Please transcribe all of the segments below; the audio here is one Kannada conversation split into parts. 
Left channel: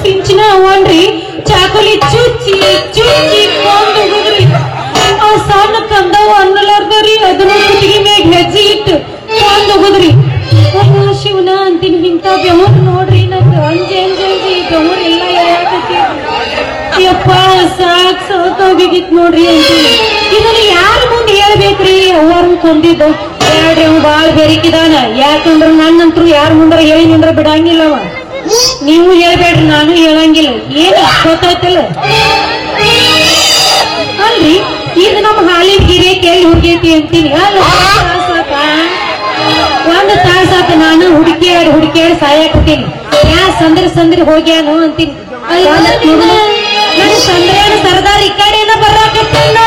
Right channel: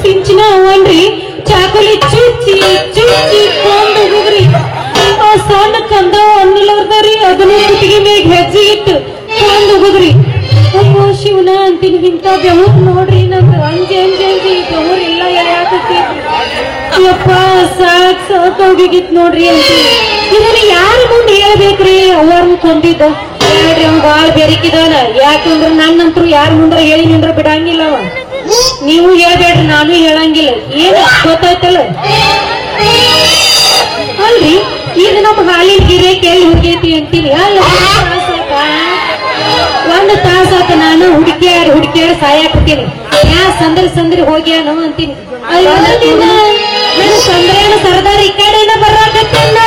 ಸಿಂಚಿನ ಅವನ್ರಿ ಚಾಕುಲಿ ಚುಚ್ಚಿ ಚುಚ್ಚಿ ಕೊಂದು ಹೋಗ್ರಿ ಆ ಸಣ್ಣ ಕಂದವು ಅನ್ನಲಾರ್ದ್ರಿ ಅದನ್ನ ಕುತ್ತಿಗೆ ಮ್ಯಾಗ ಹೆಜ್ಜೆ ಇಟ್ಟು ಕೊಂದು ಹೋಗ್ರಿ ಅಪ್ಪ ಶಿವನ ಅಂತೀನಿ ಇಂಥ ಬೆಮಕ್ ನೋಡ್ರಿ ನಮ್ದು ಅಂಜಿ ಬೆಮನ್ ಎಲ್ಲ ಯಪ್ಪ ಸಾಕ್ ಸಾಕಾಗಿತ್ ನೋಡ್ರಿ ಅಂತ ಇದನ್ನ ಯಾರ ಮುಂದೆ ಹೇಳ್ಬೇಕ್ರಿ ಅವರು ಕೊಂದಿದ್ದ ಹೇಳ್ರಿ ಅವ್ ಬಾಳ ಬೆರಿಕಿದಾನ ಯಾಕಂದ್ರ ನನ್ನಂತರೂ ಯಾರ ಮುಂದ್ರ ಹೇಳಿ ನಿಂದ್ರ ಬಿಡಂಗಿಲ್ಲವ ನೀವು ಹೇಳ್ಬೇಡ್ರಿ ನಾನು ಹೇಳಂಗಿಲ್ಲ ಏನ್ ಗೊತ್ತಾಯ್ತಲ್ಲ ಅಲ್ರಿ ಇದು ನಮ್ಮ ಹಾಲಿನ ಗಿರೆ ಕೇಳಿ ಹುಡುಗೈತಿ ಅಂತೀನಿ ಅಲ್ಲ ಒಂದು ತಾಸಾಕ ನಾನು ಹುಡುಕಿಯಾಡಿ ಸಾಯಾಕತ್ತೀನಿ ಯಾ ಸಂದ್ರಿ ಹೋಗ್ಯಾನು ಅಂತೀನಿ ನನ್ನ ಸಂದ್ರೇನ ಸರ್ದಾರ್ ಈ ಕಡೆಯಿಂದ ಬರಾಕತ್ತಿಲ್ಲ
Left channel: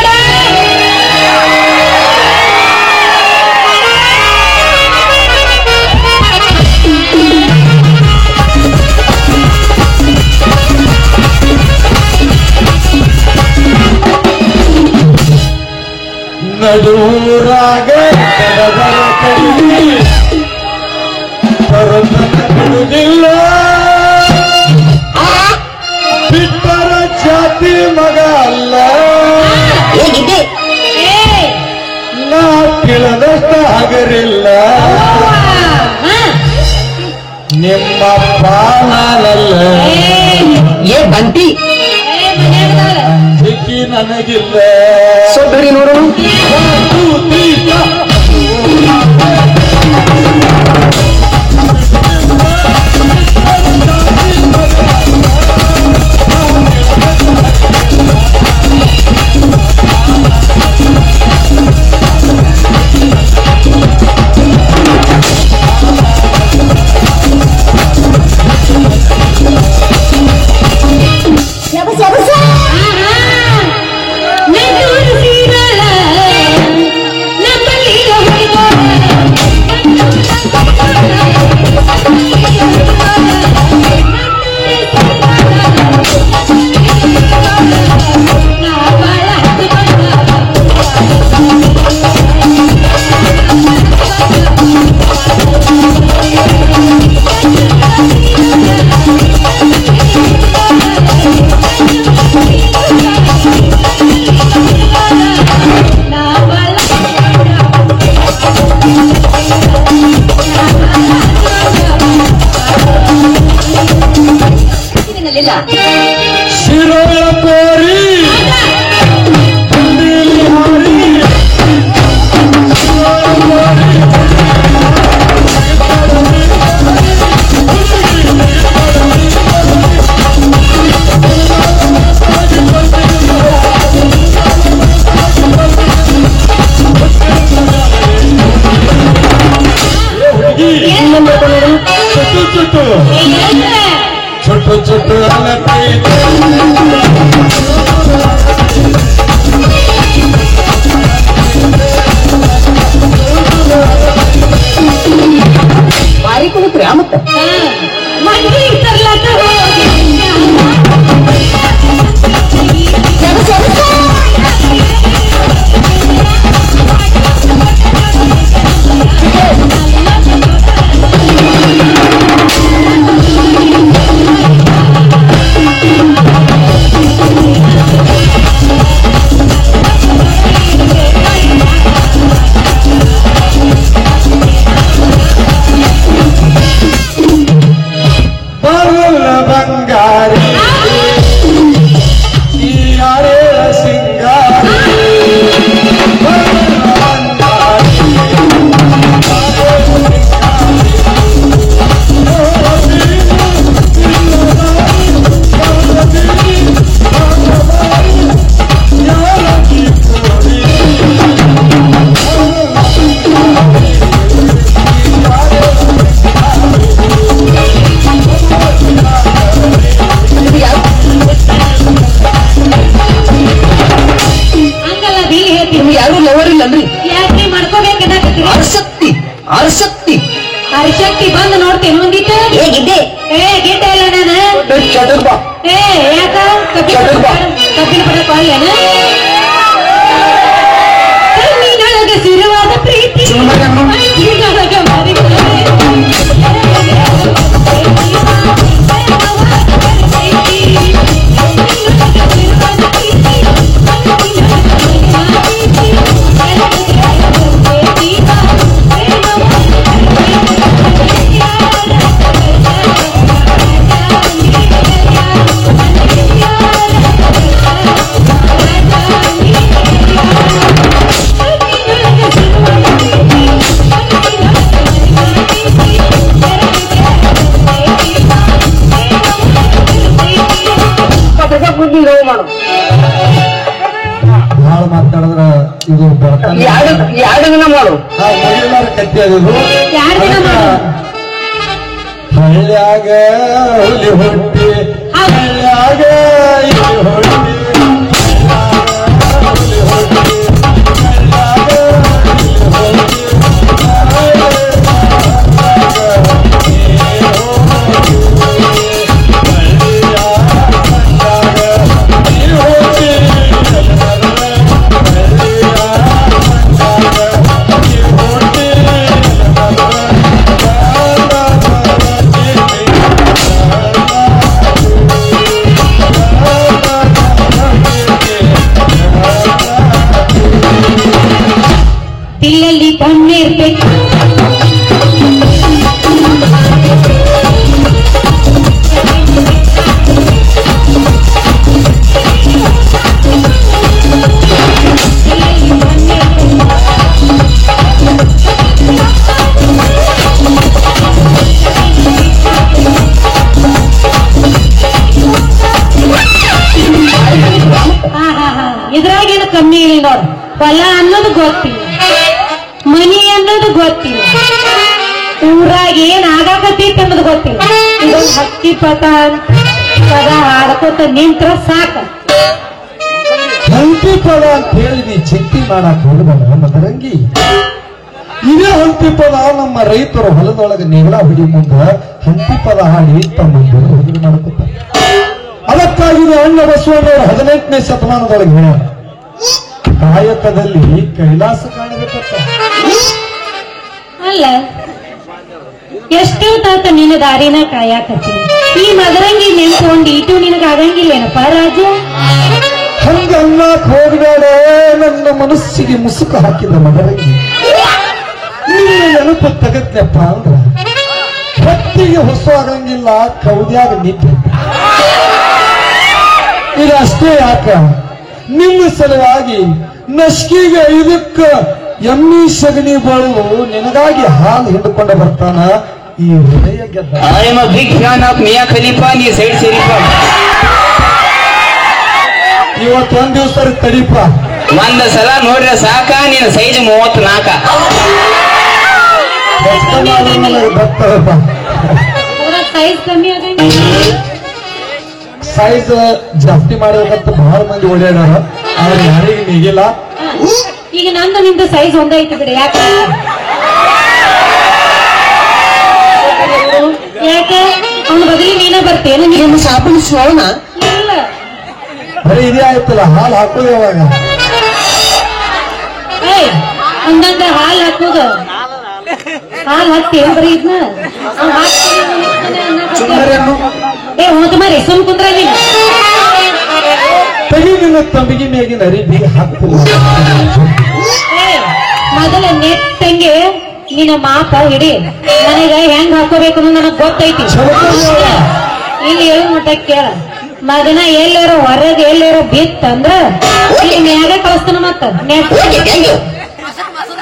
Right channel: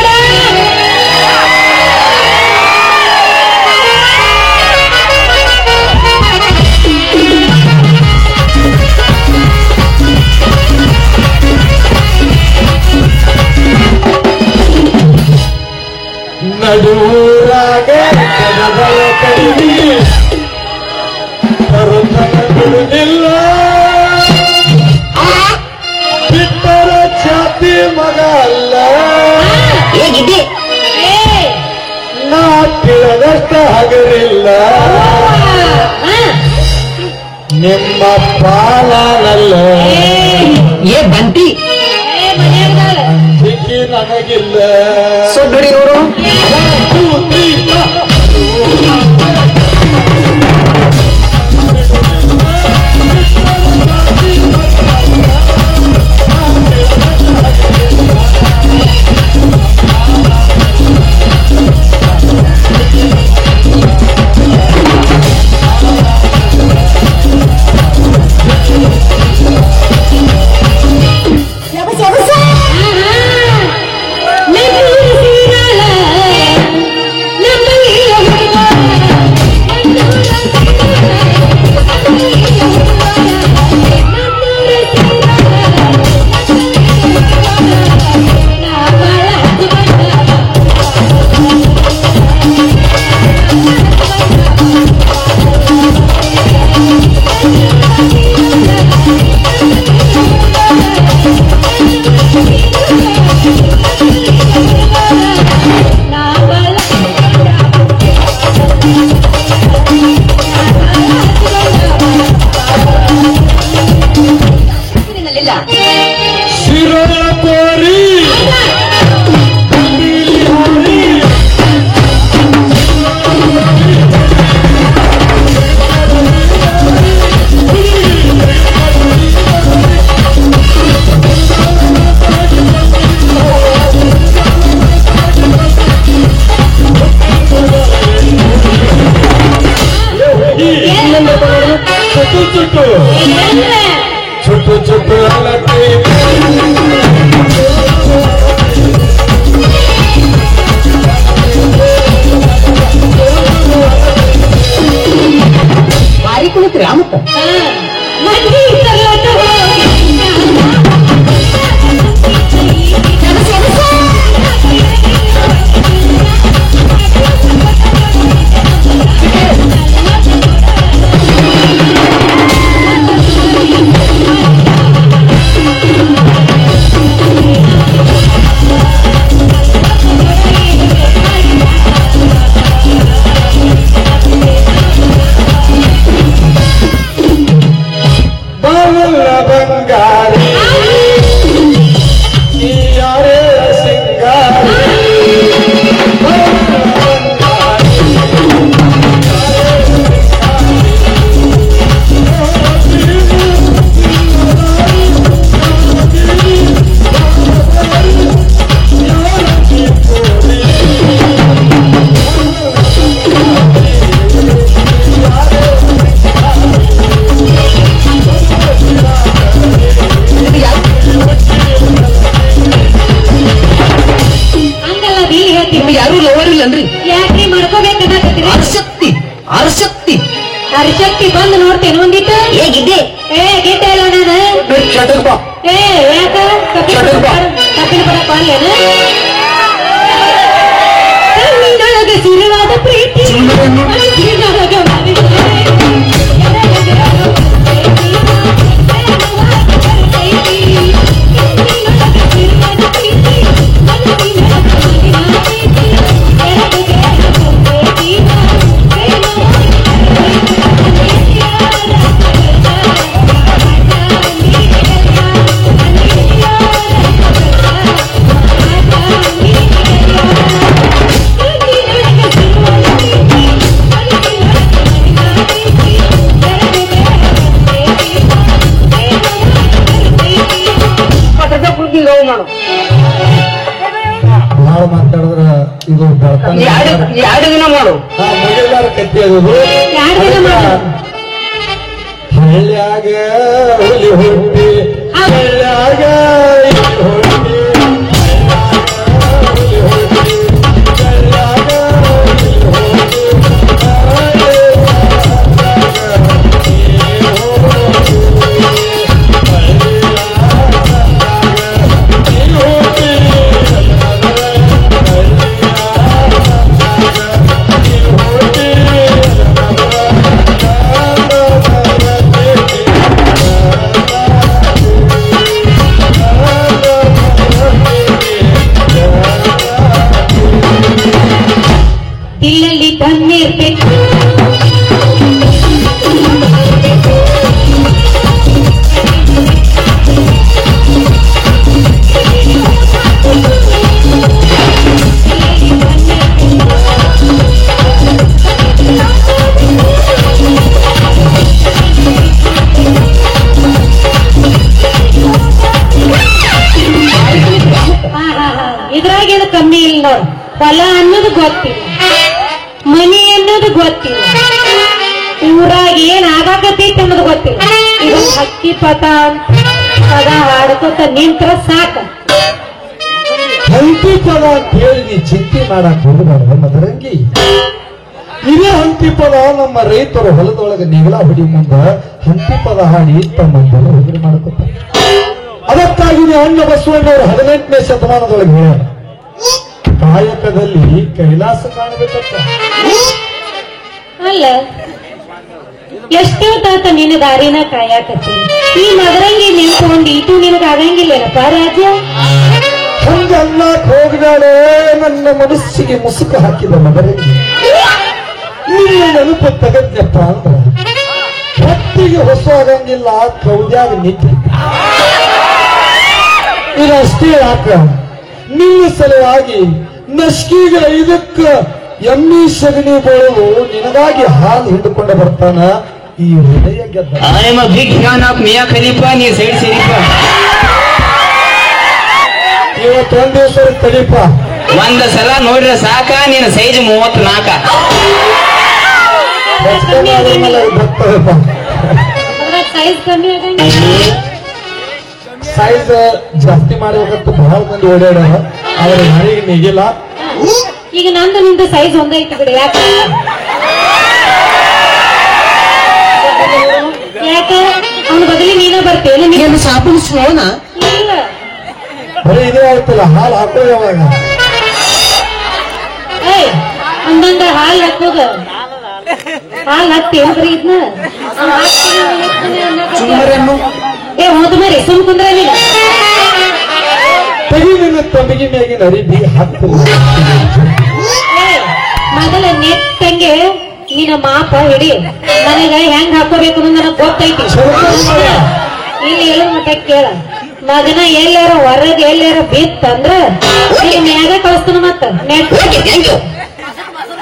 ನಡುರಾಗ ಬಿಡುವುದಿಲ್ಲ ಬಿಟ್ಟರ ಜಾತಿ ಮಗ ಅಲ್ಲ ಹೇಗಿದೆ ನಾ ಕೇಳದಷ್ಟ ಹಗರಿಲ್ಲ ನಿಮ್ಮ ಪಾಲಲ್ಲ ಏ ಬಂಟಿ ಅಂಜಿಕೆ ನನಗಿಲ್ಲ ಸೊಡ್ರಿ ಅವರು ಅರಿಶಕ್ತಿ ಬಂದು ನೋಡ್ತೇನೆ ಒಂದಿತ್ತು ಹೇಗಿದ್ದೆ ಗೀತೆ ಇಲ್ಲ ಯಾಕ ಕಬ್ಬಿನ ಬರಕ ಕಣ್ಣಿನೊಳಗೆ ಸಿರುವಾದ ಪ್ರೀತಿ ಮನಸ್ಸಿನೊಳಗೆ ತಿಂಗಳು ಮಾಡು ಬಹಳ ಮಾತಾಡಿದ್ರ ಇದು ಬರ್ತಾನೆ ಎರಡು ದಿನ ಮಾಡು ನಾವು ಮೊದಲಾರ ಕಟ್ಟಿ ಅದು ಯಾರು ದಿನ ಮಾಡು? ಹಳ್ಳ್ಯಾಗ ಹುಲಿ ಹುಟ್ಟಿ ಹಳ್ಳ್ಯಾಗ ಇಲ್ಲಿ ಹುಟ್ಟಿ ತಿಲ್ಲಲ್ಲಿ ತಣ್ಣೀರ್ಬೇಕು ಇದ್ರಾಗೇನು ಕಮ್ಮಿ ಇಲ್ಲ ನೋಡು ಹೊಲ ಅನ್ನೋದು ಗೊತ್ತಿಲ್ಲ ಮನಿ ಅನ್ನೋದು ಗೊತ್ತಿಲ್ಲ ಊರಾಗ ಏನ್ ಆಗಾಕತ್ತೈತಿ ಅನ್ನೋದು ಗೊತ್ತಿಲ್ಲ ಇದು ಹಕ್ಕಿ ಪದ ಪದ ಹಾಡ್ಕೋತ ನಿಂತ್ರ ಸಾಕ ಹಂತಿ ಪದ ಅಂತ ಹೇಳಿ ನೀ ಚಿಂತೆ ಮಾಡಕ್ ಹೋಗಬಾರ ಮದರಂಗಿ ಇದೇ ಹಂತಿ ಪದ ನಮ್ಮ ರೈತರು ಹೊಲದೊಳಗೆ ನೆಗಳ ಹುಡಿ ಮುಂದ ಹಂತಿ ಪದ ಹಾಡಿ ತಮ್ಮ ಹುಡುಗರು ಮಾಡುತ್ತಾರೆ ಅದಕ್ಕಾಗಿ ಅಣ್ಣ ಬಸವಣ್ಣವರು 18ನೇ ಶತಮಾನದೊಳಗೆ ಹೇಳ ಕಾಯಕದಲ್ಲಿ ಕೈಲಾಸ ಕಾಣಬೇಕಂತ ಅಲ್ಲ ಎಷ್ಟೋ ತಾತ ನಿನ್ನ ದಾರಿನ ಕಾಯಾಕತ್ತಿ ಈ ಮದರಂಗಿ ನಿಂತ್ಕೊಂಡು ಇದು ನಿನಗ ಆಗಂಗಿಲ್ಲೇನಪ್ಪ ರಾಜ್ಯ ಹಂಗಲ್ಲ ಹೋಗಬೇಡ ನನ್ನ ಮನಸ್ಸಿಗೆ ಮುಸುಕು ಹಾಕಿದ ಮದರಂಗಿ ನಿನ್ನ ನೆನಪು ತೆಗತ್ನಪ್ಪ ಅಂದ್ರ ಹೊತ್ತಿಗೆ ಹೊಸ ಆಗಂಗಿಲ್ಲ ಕೌದ್ಯಾಗ ನಿಂತ ಇದಷ್ಟೇ ಯಾಕ ನಿನ್ನ ಸಲುವಾಗಿ ನಸ್ಕಿಗೆ ಇದಕ್ಕ ಎಮ್ಮಿ ಸಗಣಿ ಬಳುವು ನಿನಗಾಗಿ ಹಾಲು ಹಿಡ್ಕೊಂಡು ಬರ್ತಾನ ಈ ಹೃದಯ ಗೆದ್ದ I am a big fan of Mia Khalifa ನೀ ಸೈಡ್ ಸರಿಪಾ ಇವತ್ತೊಂದ್ ದಿವಸ ತಡಿಪ ಒಂದ್ ಸಲ ನೋಡ್ರೆ ಸಾಕ ನೀನ್ ಸೈಜ್ 34 ಬರ್ತಾರಪ್ಪ ಅದ್ರಾಗ ಸೈಜ್ ಕಮ್ಮಿ ಅದ ಸೈಜ್ ಜಾಸ್ತಿ ಮಾಡಬೇಕಂತ ಬಹಳ ಮಂದಿ ಓಡಾಡ ಆದ್ರೆ ಯಾರಿಗೆ ನೀಗಿಲ್ಲ ಈಗ ನಂದು ನಿಂದು ಸೈಜ್ ಒಂದೇ ಐತಿದ್ರಿ ಯಾಕೆ ಯಾಕೆ ಅವ್ನ ಬದಲಿ ನೀನ ಬರ್ತೇನೆ ನೀನು ಶಾಪಿಂಗ್ ಶೋನ ಇಲ್ಲ ಬರೀ ಇದೇ ಆಯ್ತಲ್ಲ ಹಾಲು ಹಾಕೋದು ಯಾವಾಗ ಏಯ್ ಹಂಗಂದ್ರೆ ಹಾಲು ಹಾಕೋದು ಹಾಲು ಹಾಕ್ತಿ ಬರೀ ಇದನ್ನ ಏ ಹೋದ ಮರಿ ಸುಮ್ ಕುಂದ್ರ ನೀನು ತೆಗಿ ನಿನ್ನ ತಂಬಿಗೆ ಮೇಗಿನ ಅರಿಬಿ ಹಾಕು ಮೊದಲ ನೆಟ್ಟಂಗೆ ನಿನ್ನ ಮಾಪ ಹಿಡಿ ನನಗ ಹೆಂಗ್ ಹಾಕೋಬೇಕು ಅನ್ನೋದು ನನಗ್ ಗೊತ್ತೈತಿ ನೀನ್ ಹೇಳು ಮಟ್ಟ ಕೇಳ ಮಗನ ಎಲ್ಲಾರ ಹೊರಗೆ ಎಲ್ಲಾರ ಬಿತ್ತಂದ್ರ ಮ್ಯಾಗ ಕಳಿಸ್ತಾನ ಮತ್ತ ನೆಟ್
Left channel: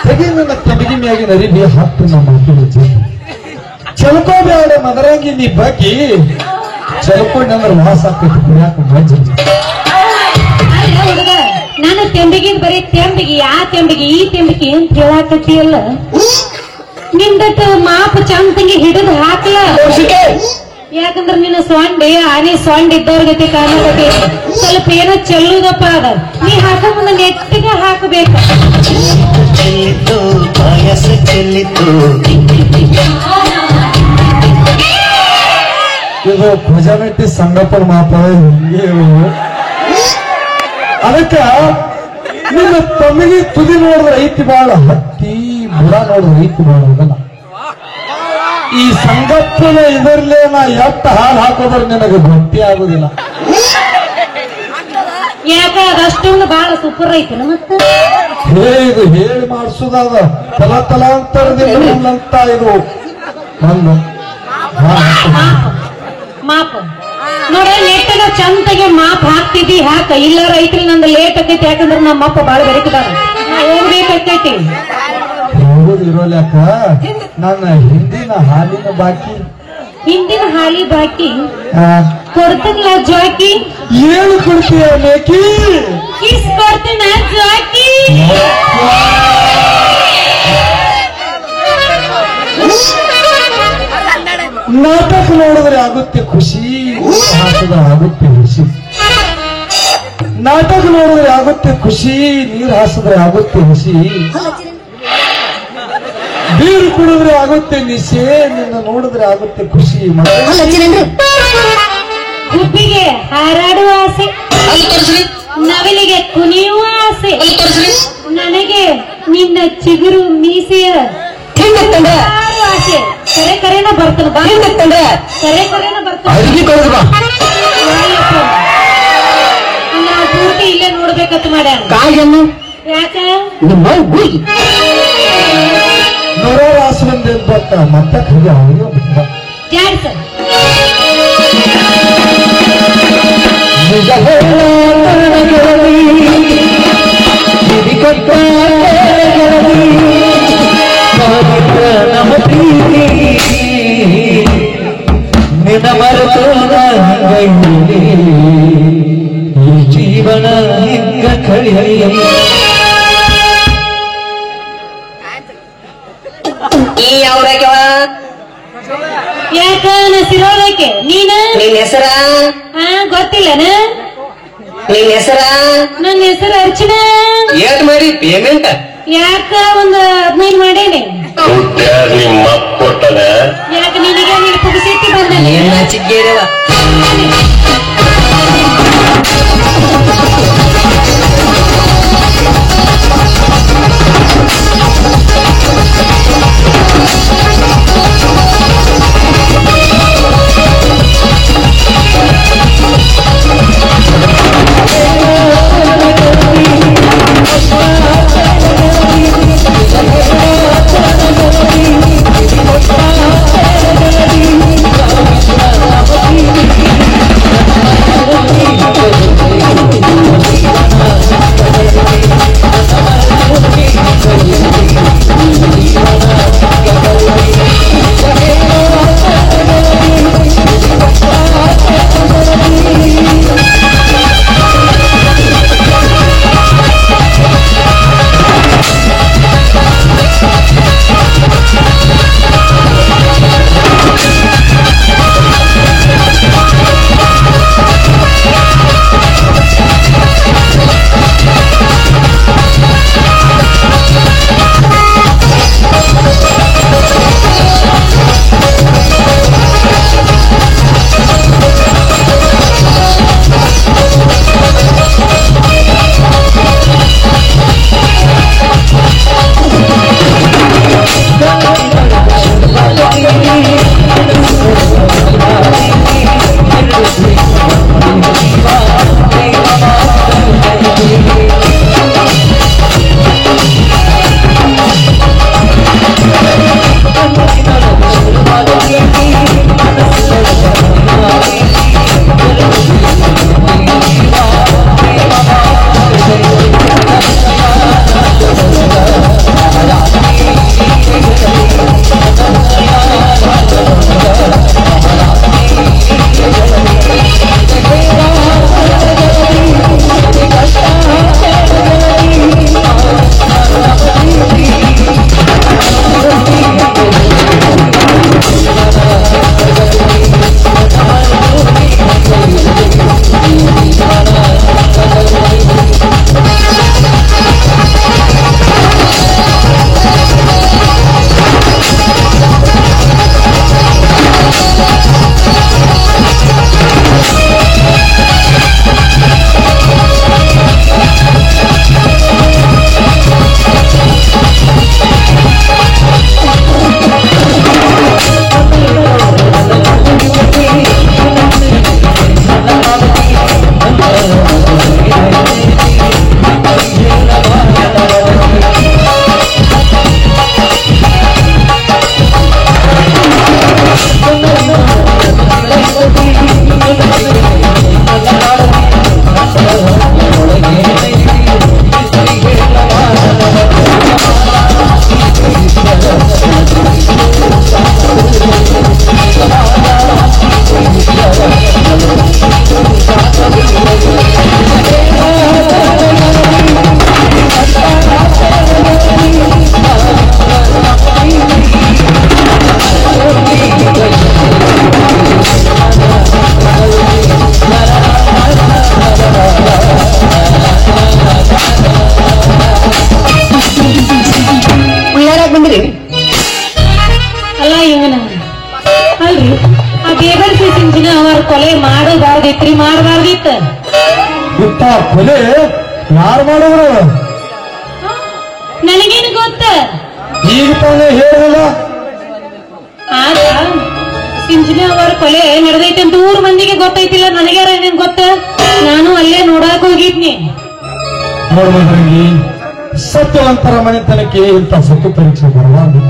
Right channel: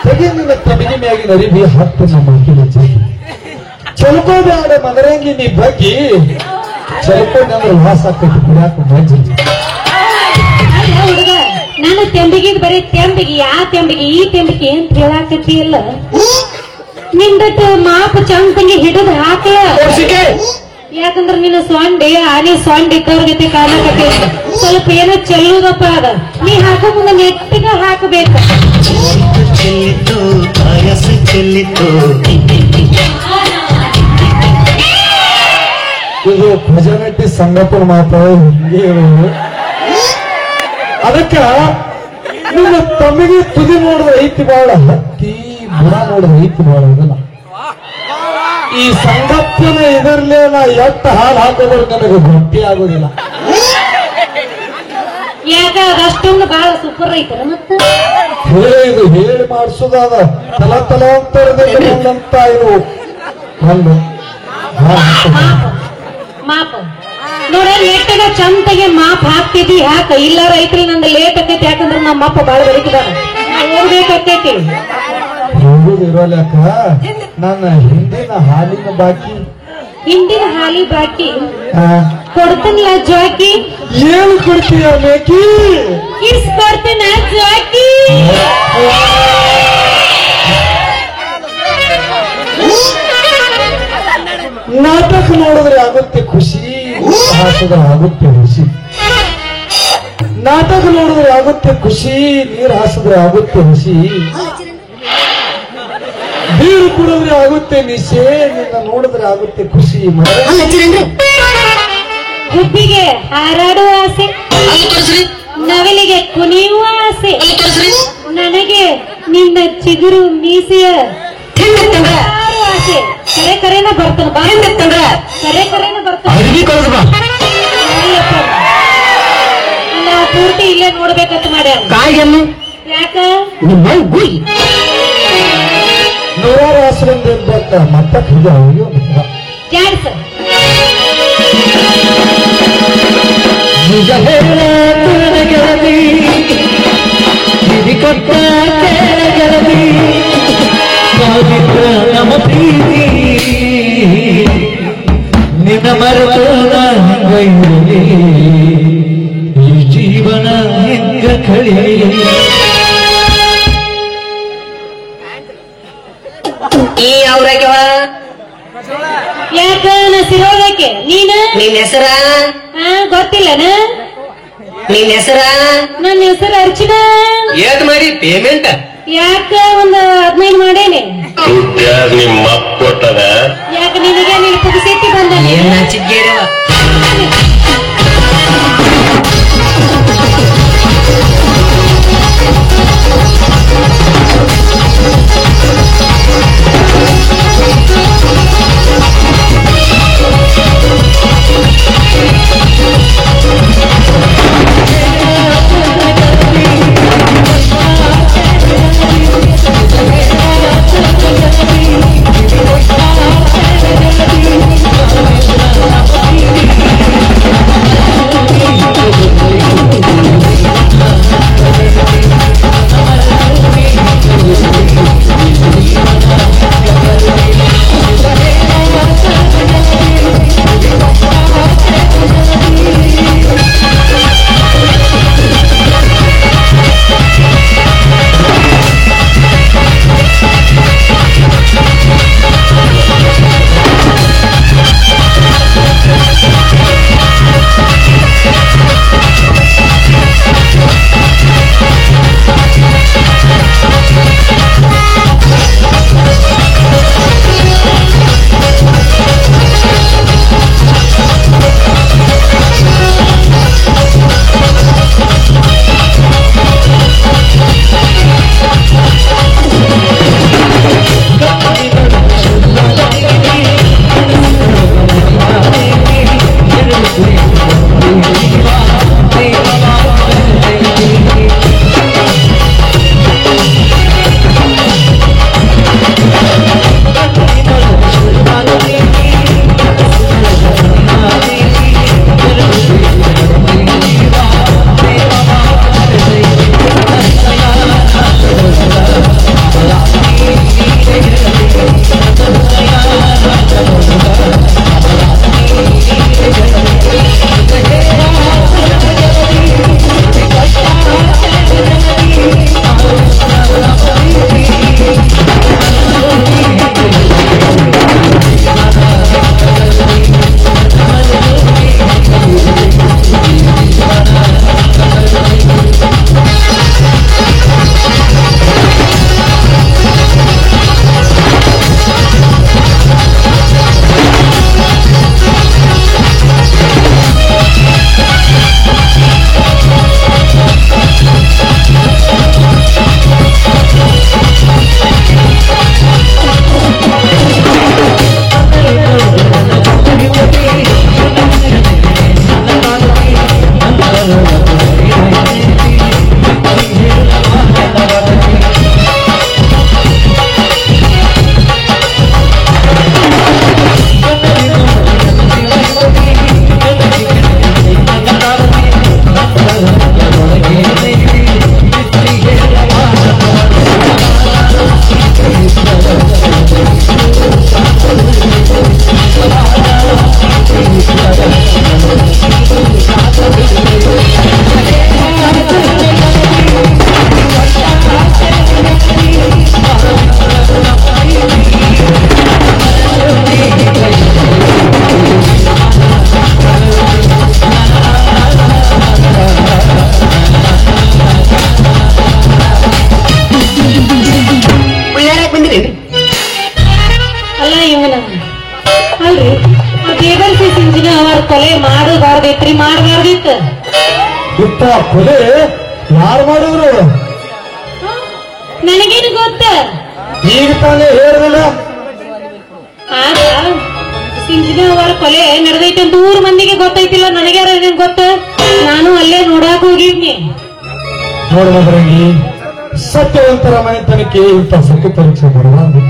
ತೆಗಿ ನನ್ನ ತಂಬಿಗೆ ಮೇಗಿನ ಅರಿಬಿ ಹಾಕು ನಮ್ಮ ಮಾತಿನ ಚಲ್ಕೋಬೇಡ ಮದರಂಗಿ ನೀ ಬಗ್ಗೆ ಚಲ್ಕೊಂಡಂದ್ರೆ ವಾಸ ಕೊಟ್ಟು ಬಿಡಾಕ ಮಜ್ಜಿ ಹುಡುಗ ನಾನು ತೆಂಬಿಗೆ ಬರೀ ತೆಂಬಿಗೆ ಆ ತೆಂಬಿಗೆ ಈ ತೆಂಬಿಗೆ ಏನ್ ಕೇಳಾಕತ್ತೀಯಲ್ಲ ನಿಂದಟ್ಟು ಮಾಪ ಚಂದಂಗೆ ಹಿಡಿದು ಹಾಕ ಯಾಕಂದ್ರೆ ನಿನ್ನ ಸೊಂಡಿ ಆನೆ ಸೊಂಡ್ ಇದ್ದವ್ರ ಗತಿ ಕಾಣಕತ್ತಿ ಸ್ವಲ್ಪ ಏನೋ ಚೆಲ್ಲುದಪ್ಪ ಅದ ನೀ ಹಾಕೋ ಮುಂದೆ ನೆಟ್ಟಿಗೆ ಹಾಕಬೇಕು ಇದು ಪ್ರಜಾನಟಿ ಸಂಗಪನ ಮಾತಾಡೋ ಹಿಂಗೆ ಅದಕ್ಕ ನಿಮ್ಮ ತಮಗೆ ತುದಿ ನೋಡಿದ್ರೆ ಐತಿ ಬಾಳ ಹತ್ತಿ ಬುಡ ನೋಡಿದ್ರೆ ಐತಿ ಬಾಳ ಅದಲ್ಲ ಈ ಸಂಗಪ್ಪನ ಇದರ್ಲೇ ನಾ ಎತ್ತ ಹಾಡು ಹಾಕೋದ್ರೆ ನನಗೆ ಭಕ್ತಿ ಆಗುದಿಲ್ಲ ಯಾಕ ಅದಷ್ಟೊಂದು ಬಹಳ ಸೂಪರ್ ಐತೆ ಮತ್ತೆ ಇದು ಹೇಳಿ ಮಾಡಿಸೋದಾಗ ತಲಾಂತರದಿಂದ ಇದು ನನ್ನ ಮಾಪ ನೋಡ ಲೇಟಗ ಚಂದಗೆ ಮಾಪ್ ಹಾಕ್ತಿದ್ದಿ ಹಾಕ ಇಲ್ಲ ರೈತರು ನಂದು ಲೇಟ್ ಆಕೈತಿ ಯಾಕಂದ್ರೆ ನಮ್ಮ ಅಪ್ಪ ಬಾಳ ಬದುಕಿದಾರ ಹೋಗ್ಬೇಕಾಕೈತಿ ಹೋಗುದಿರೋಲಕ್ಕ ನನ್ನ ಹಿಂದಿನ ಹಾಲಿನ ಬಾಕಿ ಹಿಂದಿನ ಹಾಲಿ ಬಾಕಿ ಕೊಡ್ತೀನಿಲ್ಲ ಜಾಕಿ ಏನು ಕೊಡ್ತೀಯ ಮೇಕಿ ಕಿಸ್ ಕೊಡ್ತೀನ ಜಾಕಿ ನಾಟಕ ನೋಡಿದ್ರೆ ಆಗುತ್ತೆ ಖುಷಿ ಹಾಕಿದ್ರೆ ಆಗುತ್ತೆ ಹುಸಿ ನಾಟಕ ನೋಡಿದ್ರೆ ಆಗುತ್ತೆ ಖುಷಿ ನೀರು ಹಾಸಿದ್ರೆ ಆಗುತ್ತೆ ಹುಸಿ ಬೀರು ಕುಡಿದ್ರೆ ಆಗುತ್ತೆ ನಿಶೆ ನಿನ್ನ ನೋಡಿದ್ರೆ ಆಗುತ್ತೆ ಖುಷಿ ಹುಬ್ಬಿಗೆ ಹಾರಾಡುವ ಆಸೆ ನವಿಲಿಗೆ ಕುಣಿಯುವ ಆಸೆ ನನಗೆ ನಿನ್ನ ಚಿಗುರು ಮೀಸೆಯ ಆಸೆ ಕರೆ ಕರೆನ ಬರ್ತಾನೆ ಕರೆ ಕರೆನ ಬರ್ತಾನೆ ನಾ ಪೂರ್ತಿ ಇಲ್ಲೇ ನೋಡ್ಬೇಕಂತ ಮಾಡ್ಯಾರ ಯಾಕ ನೂರಾರು ಆಶ್ರಮದಿಂದ ಬರ್ತಾ ಮತ್ತೆ ಕೈಗೆ ಅವರಿಗೆ ಕ್ಯಾನ್ಸ ಜೀವನ ಕಳಿ ಈ ಯಾವ್ರಾಗ್ಯವ ಯಾಕ ನಾ ಸಿರೋದಕ್ಕೆ ನೀನ ನಿನ್ ಹೆಸರ ಗೊತ್ತಿಲ್ಲನ ನಿನ್ ಹೆಸರ ನನ್ನ ಹೆಸರು ಅರ್ಚನಾ ಏಟ್ ಮಾಡಿ ಪೇಮೆಂಟ್ ಯಾಕ ಒಂದ್ 15 ಮಾಡೇನಿ ಮಕ್ಕಳ ಯಾಕ ನಿನಗೆ ನೀನು ಪುಗಿಸಿಟ್ಟಿ ಬಂದ ಏನ್ ನಾಚಿದ್ದೇರವ ಕೊಲೆ ಯಾರು ಮಾಡೋರು? ನನಗೇನು ಗೊತ್ತ? ಈಗ ತಾನೇ ಹೇಳಿದಲ್ಲ. ಆಗ ಸಿಂಚನ ಅವರ ಕೊಲೆ ನಡೆದೈತೆ ಅಂತ ಊರ್ ಮಂದಿಗೆ ಗೊತ್ತೈತಿಲ್ಲ, ನನಗ್ಯಾರ ಏನೇನ್ ಗೊತ್ತ? ನಾನು ಅಲ್ಲೇ ನೋಡಾಕ ಹೋಗಿದ್ನಿ. ನೋಡು ಮದರಂಗಿ, ಸತ್ಯವಂತರ ಮನೆತನಕ್ಕೆ ಇಂಥ ಸತ್ಯ ಪರೀಕ್ಷೆ ಬರಬಾರ್ದು.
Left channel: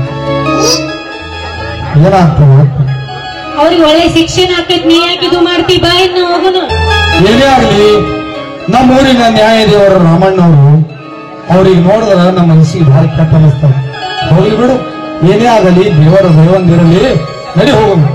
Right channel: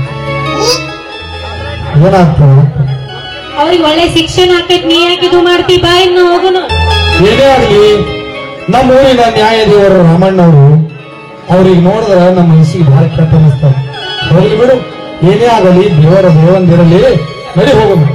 ಏನಾಗ್ತದೆ? ಅವ್ರಿಗೆ ಒಳ್ಳೆ ಶಿಕ್ಷಣ ಆಗ್ತೈತಿ. ನೀ ಯಾಕೆ ಇದು ಮಾಡ್ತಿ? ಬಾ ಇನ್ನು ಹೋಗುನು. ಏನೇ ಆಗಲಿ, ನಮ್ಮ ಊರಿನ ನ್ಯಾಯ ದೇವರು ರಾಮಣ್ಣವರು ಅವ್ರಿಗೆ ನೋಡಿದ್ರ ನಮ್ಮ ಮನಸ್ಸಿಗೆ ಬಹಳ ಕೆಟ್ಟ ಅನಿಸ್ತಾರೆ. ಹೋಗ್ಲಿ ಬಿಡು, ಏನೇ ಆಗಲಿ ದೇವರ ದೇವಂದಿರಲಿ. ನಡಿ ಹೋಗುದು.